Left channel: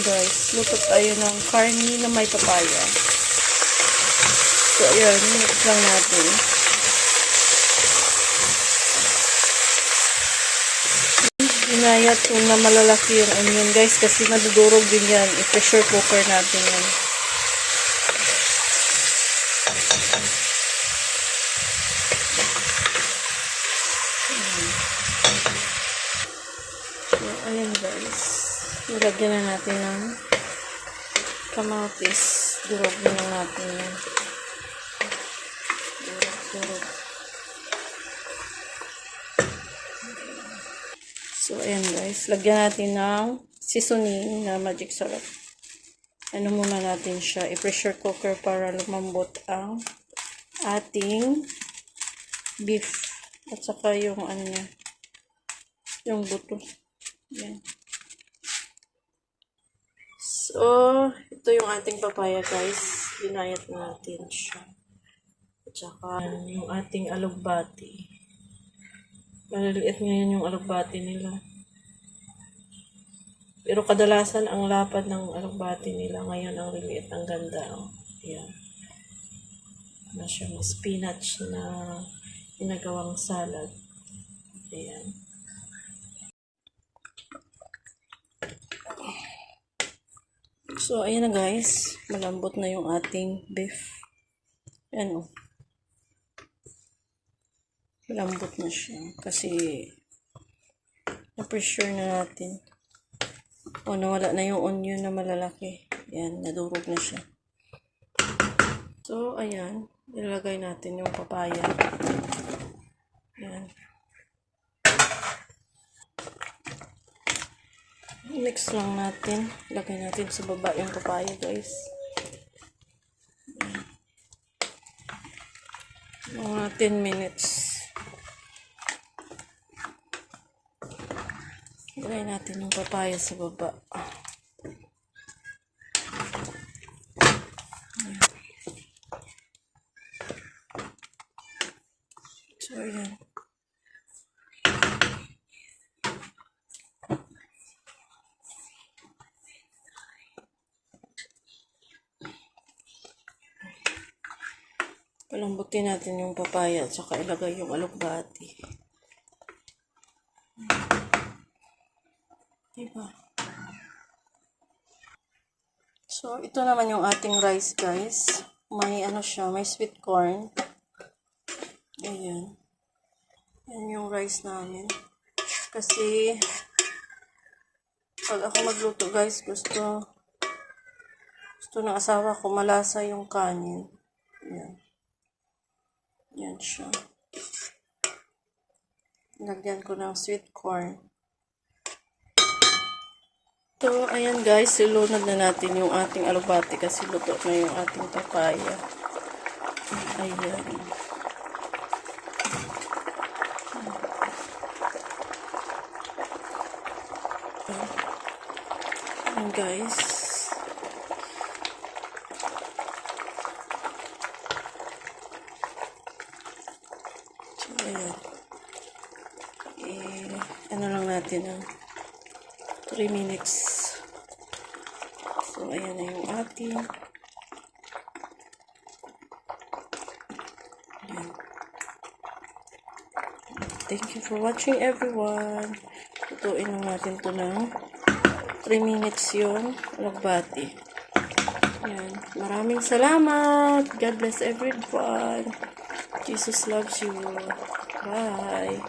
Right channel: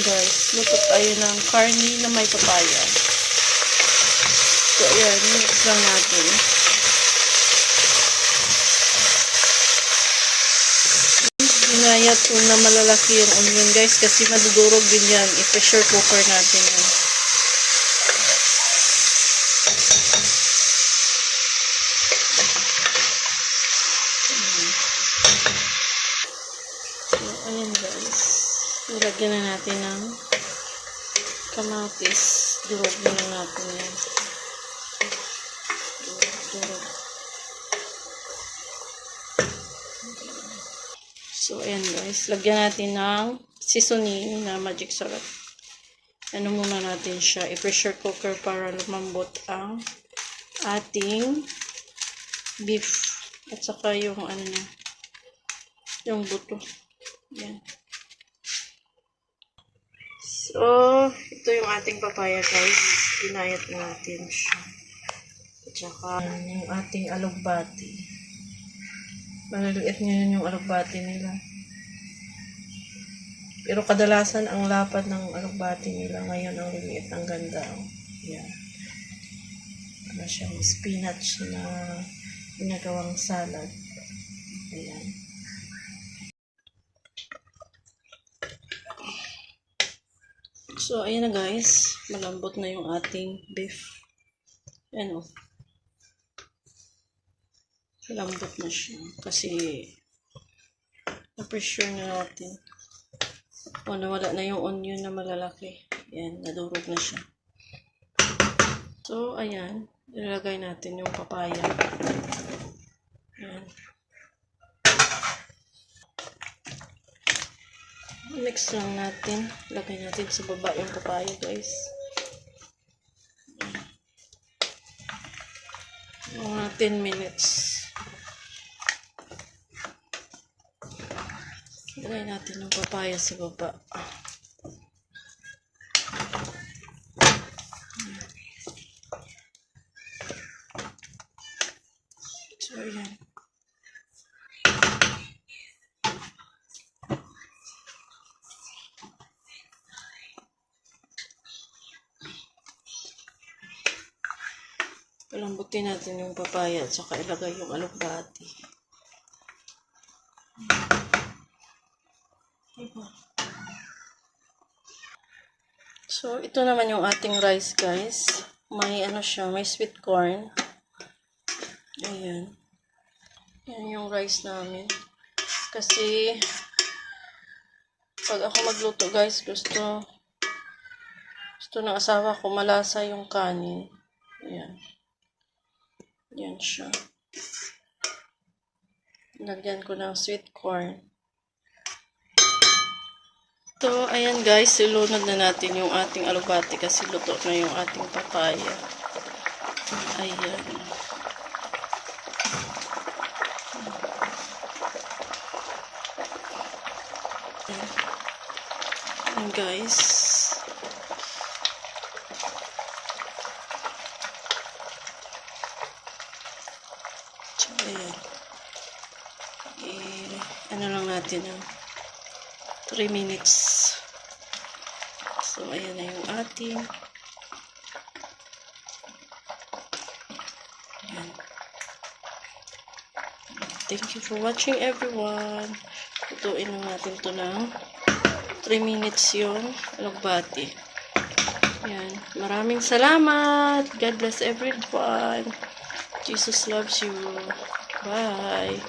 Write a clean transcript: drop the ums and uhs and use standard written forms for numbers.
guys, luto tayo ng karne na may papaya. So ayan, mix lang natin. Inayat ko na malalaki yung onion guys kasi madudurog din yan. I-pressure cooker natin yan. So ayan guys, nilagyan na natin ng kamatis. Durog na natin yan. Durog. So, ayan guys. Lagyan natin ng seasoning na magic sarap. Ano muna natin siya? I-pressure cooker para lumambot ang ating beef. At saka yung ano niya. Yung buto. Ayan. So, ito yung ating papaya guys. Inayat natin siya. At saka yung ating alugbati. Maliliit ngayon yung alugbati nila. Pero kadalasan ang lapad ng alugbati nila ngayon ang liliit. Ang ganda. Oh. Yan. Ano siyang spinach na ginagawang salad. Ayan. So, ayan na guys. Malambot na yung ating beef. Ayan o. Lambot na siya. Kasi, na-pressure na natin. O, nawala na yung onion na malalaki. Yan, nadurog na siya. So, ayan. Ilagay natin yung papaya. Yan. Mix lang natin. Lagay natin sa baba yung papaya, guys. Mga 10 minutes. Lagay natin yung papaya sa baba. So, ayan. Palambutin natin yung papaya at saka ilagay yung alugbati. Diba? So, ito naman yung ating rice, guys. May ano siya, may sweet corn. Ayan. Yan yung rice namin. Kasi, pag ako magluto, guys, gusto ng asawa ko malasa yung kanin. Ayan. Yan siya. Lagyan ko ng sweet corn. So, ayan guys, ilunod na natin yung ating alugbati kasi luto na yung ating papaya. Ayan. Ayan guys. So, ayan. Ano lang natin ang 3 minutes. So, ayan na yung ating. Ayan. Thank you for watching everyone. Lutuin na natin to ng 3 minutes yung alugbati. Ayan. Maraming salamat. God bless everyone. Jesus loves you. Bye.